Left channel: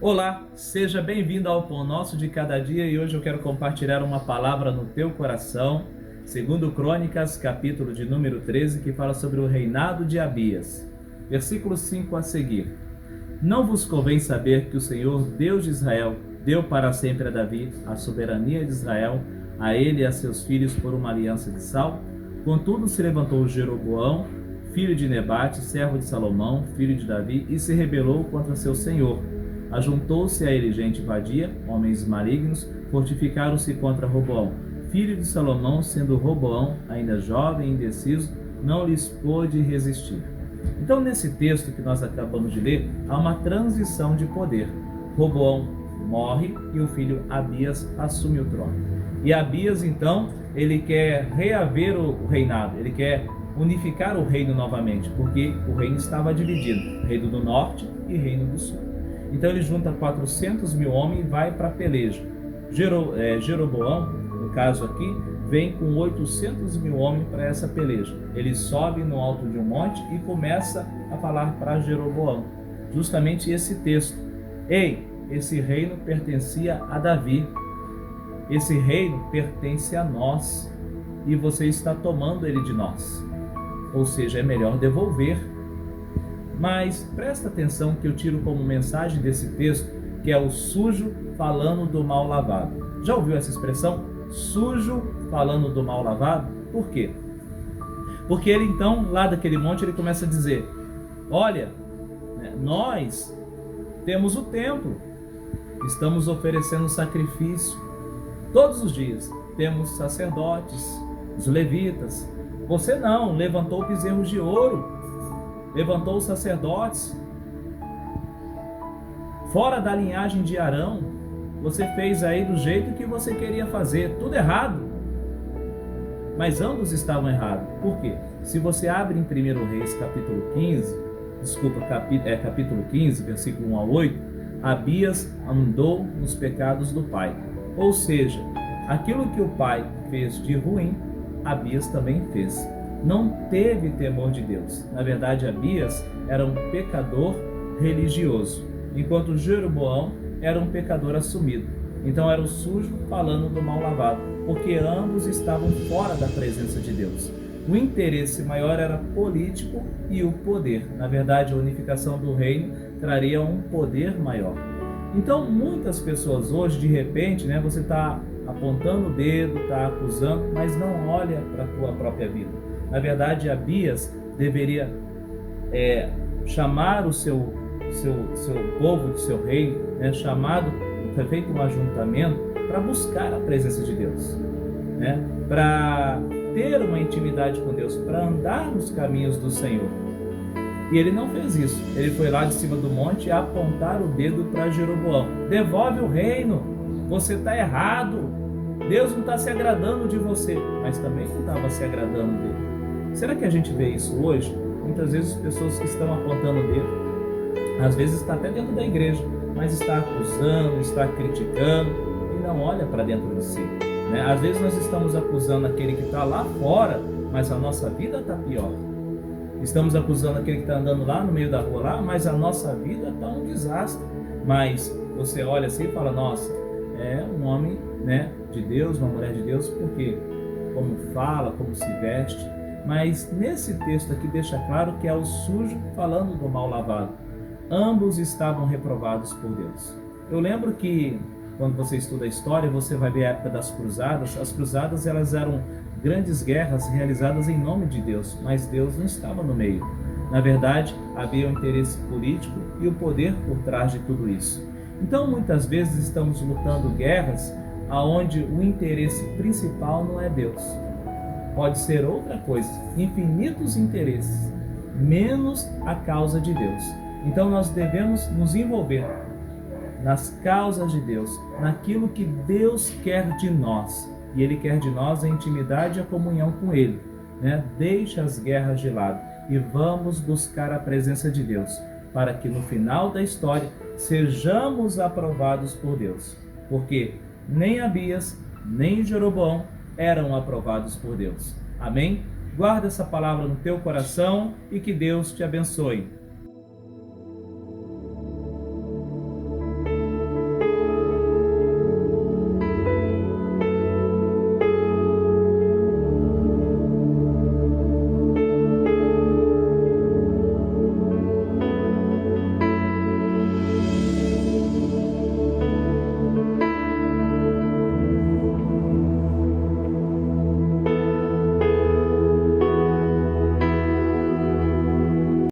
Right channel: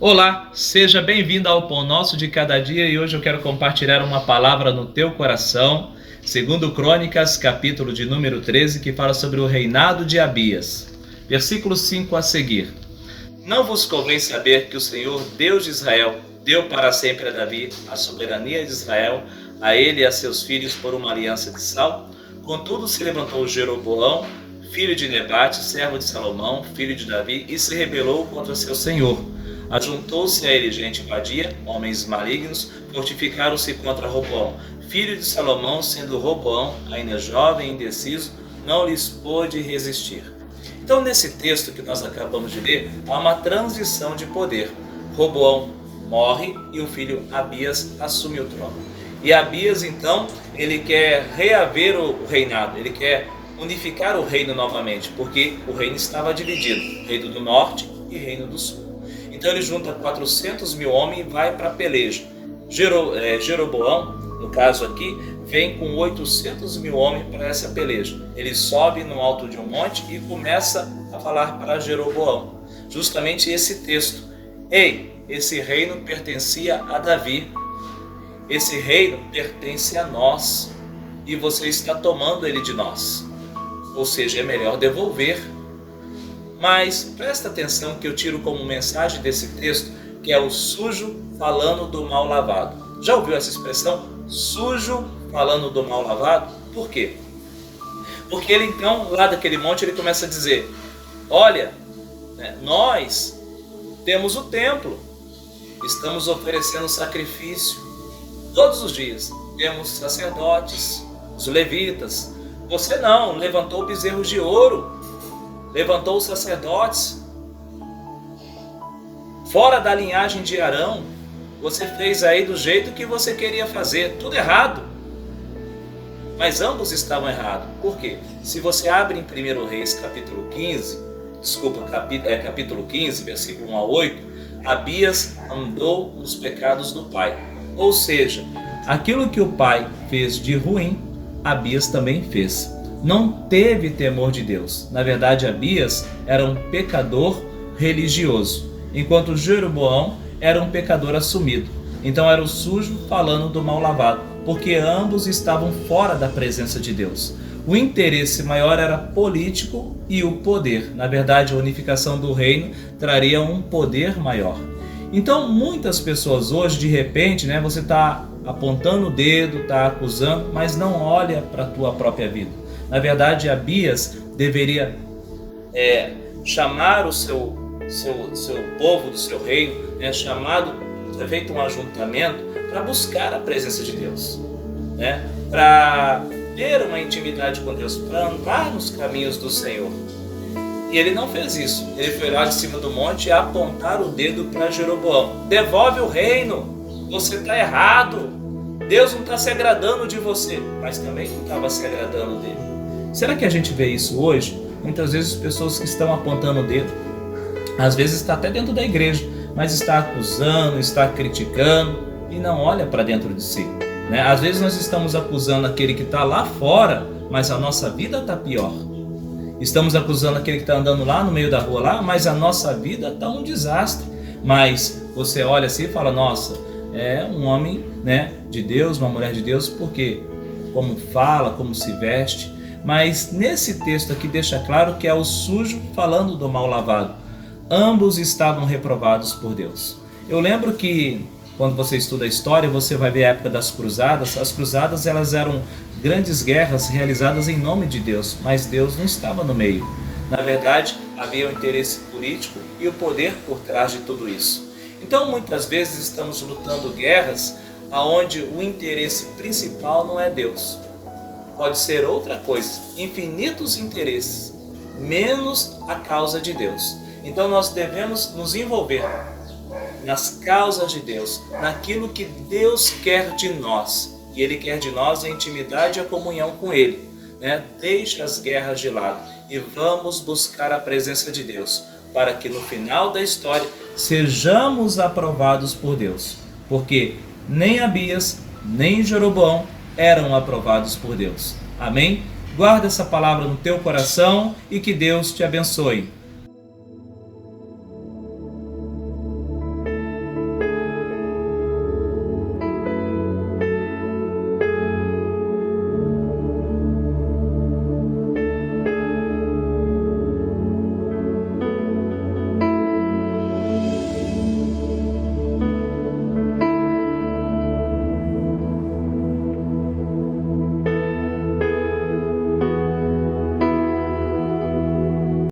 Olá, seja bem-vindo ao Pão Nosso de Cada Dia e hoje eu quero compartilhar uma palavra no teu coração, segundo Crônicas, capítulo de número 13, que fala sobre o reinado de Abias. Versículo 5 a seguir. Não vos convém saber que o Senhor, Deus de Israel, deu para sempre a Davi a soberania de Israel, a ele e a seus filhos por uma aliança de sal? Contudo se levantou Jeroboão, filho de Nebate, servo de Salomão, filho de Davi, e se rebelou contra seu senhor. Ajuntou-se a ele gente vadia, homens malignos, fortificaram-se contra Roboão, filho de Salomão, sendo Roboão ainda jovem e indeciso, não lhes pôde resistir. Então, nesse texto que nós acabamos de ler, há uma transição de poder. Roboão morre e o filho Abias assume o trono. E Abias, então, ele quer reaver o reinado, ele quer unificar o reino novamente, porque o reino estava dividido, reino do norte e reino do sul. Então ele junta 400 mil homens e vai para a peleja. Jeroboão, no caso aqui, vem com 800 mil homens para essa peleja. Ele sobe no alto de um monte e começa a falar para Jeroboão. Justamente esse texto. Ei, esse reino pertencia a Davi. Esse reino pertence a nós. E você está tomando ele de nós. Ou seja, é melhor devolver. Mas presta atenção que eu tiro como mensagem desse texto, que é o sujo falando do mal lavado. Já ouviu essa expressão? Sujo falando do mal lavado? Por quê? Porque ele então, lá daquele monte, ele começa a dizer, olha, nós temos o templo, estamos oferecendo sacrifício todos os dias, temos sacerdotes, os levitas, você não, levantou bezerros de ouro, levantou os sacerdotes, fora da linhagem de Arão, você fez aí do jeito que você queria fazer, tudo errado. Mas ambos estavam errados. Por quê? Se você abre em 1 Reis capítulo 15, capítulo 15, versículo 1 a 8, Abias andou nos pecados do pai. Ou seja, aquilo que o pai fez de ruim, Abias também fez. Não teve temor de Deus. Na verdade, Abias era um pecador religioso, enquanto Jeroboão era um pecador assumido. Então era o sujo falando do mal lavado, porque ambos estavam fora da presença de Deus. O interesse maior era político e o poder. Na verdade, a unificação do reino traria um poder maior. Então, muitas pessoas hoje, de repente, você está apontando o dedo, está acusando, mas não olha para a tua própria vida. Na verdade, Abias deveria chamar o seu povo do seu reino, ter feito um ajuntamento para buscar a presença de Deus, para ter uma intimidade com Deus, para andar nos caminhos do Senhor. E ele não fez isso. Ele foi lá de cima do monte apontar o dedo para Jeroboão. Devolve o reino, você está errado. Deus não está se agradando de você, mas também não estava se agradando dele. Será que a gente vê isso hoje? Muitas vezes pessoas que estão apontando o dedo, às vezes está até dentro da igreja, mas está acusando, está criticando e não olha para dentro de si. Às vezes nós estamos acusando aquele que está lá fora, mas a nossa vida está pior. Estamos acusando aquele que está andando lá no meio da rua, lá, mas a nossa vida está um desastre. Mas você olha assim e fala, nossa, é um homem de Deus, uma mulher de Deus, porque como fala, como se veste. Mas nesse texto aqui deixa claro que é o sujo falando do mal lavado. Ambos estavam reprovados por Deus. Eu lembro que quando você estuda a história, você vai ver a época das cruzadas. As cruzadas elas eram grandes guerras realizadas em nome de Deus, mas Deus não estava no meio. Na verdade, havia o interesse político e o poder por trás de tudo isso. Então, muitas vezes estamos lutando guerras onde o interesse principal não é Deus. Pode ser outra coisa, infinitos interesses, menos a causa de Deus. Então nós devemos nos envolver nas causas de Deus, naquilo que Deus quer de nós. E Ele quer de nós a intimidade e a comunhão com Ele. Deixe as guerras de lado e vamos buscar a presença de Deus, para que no final da história sejamos aprovados por Deus. Porque nem Abias, nem Jeroboão eram aprovados por Deus. Amém? Guarda essa palavra no teu coração e que Deus te abençoe.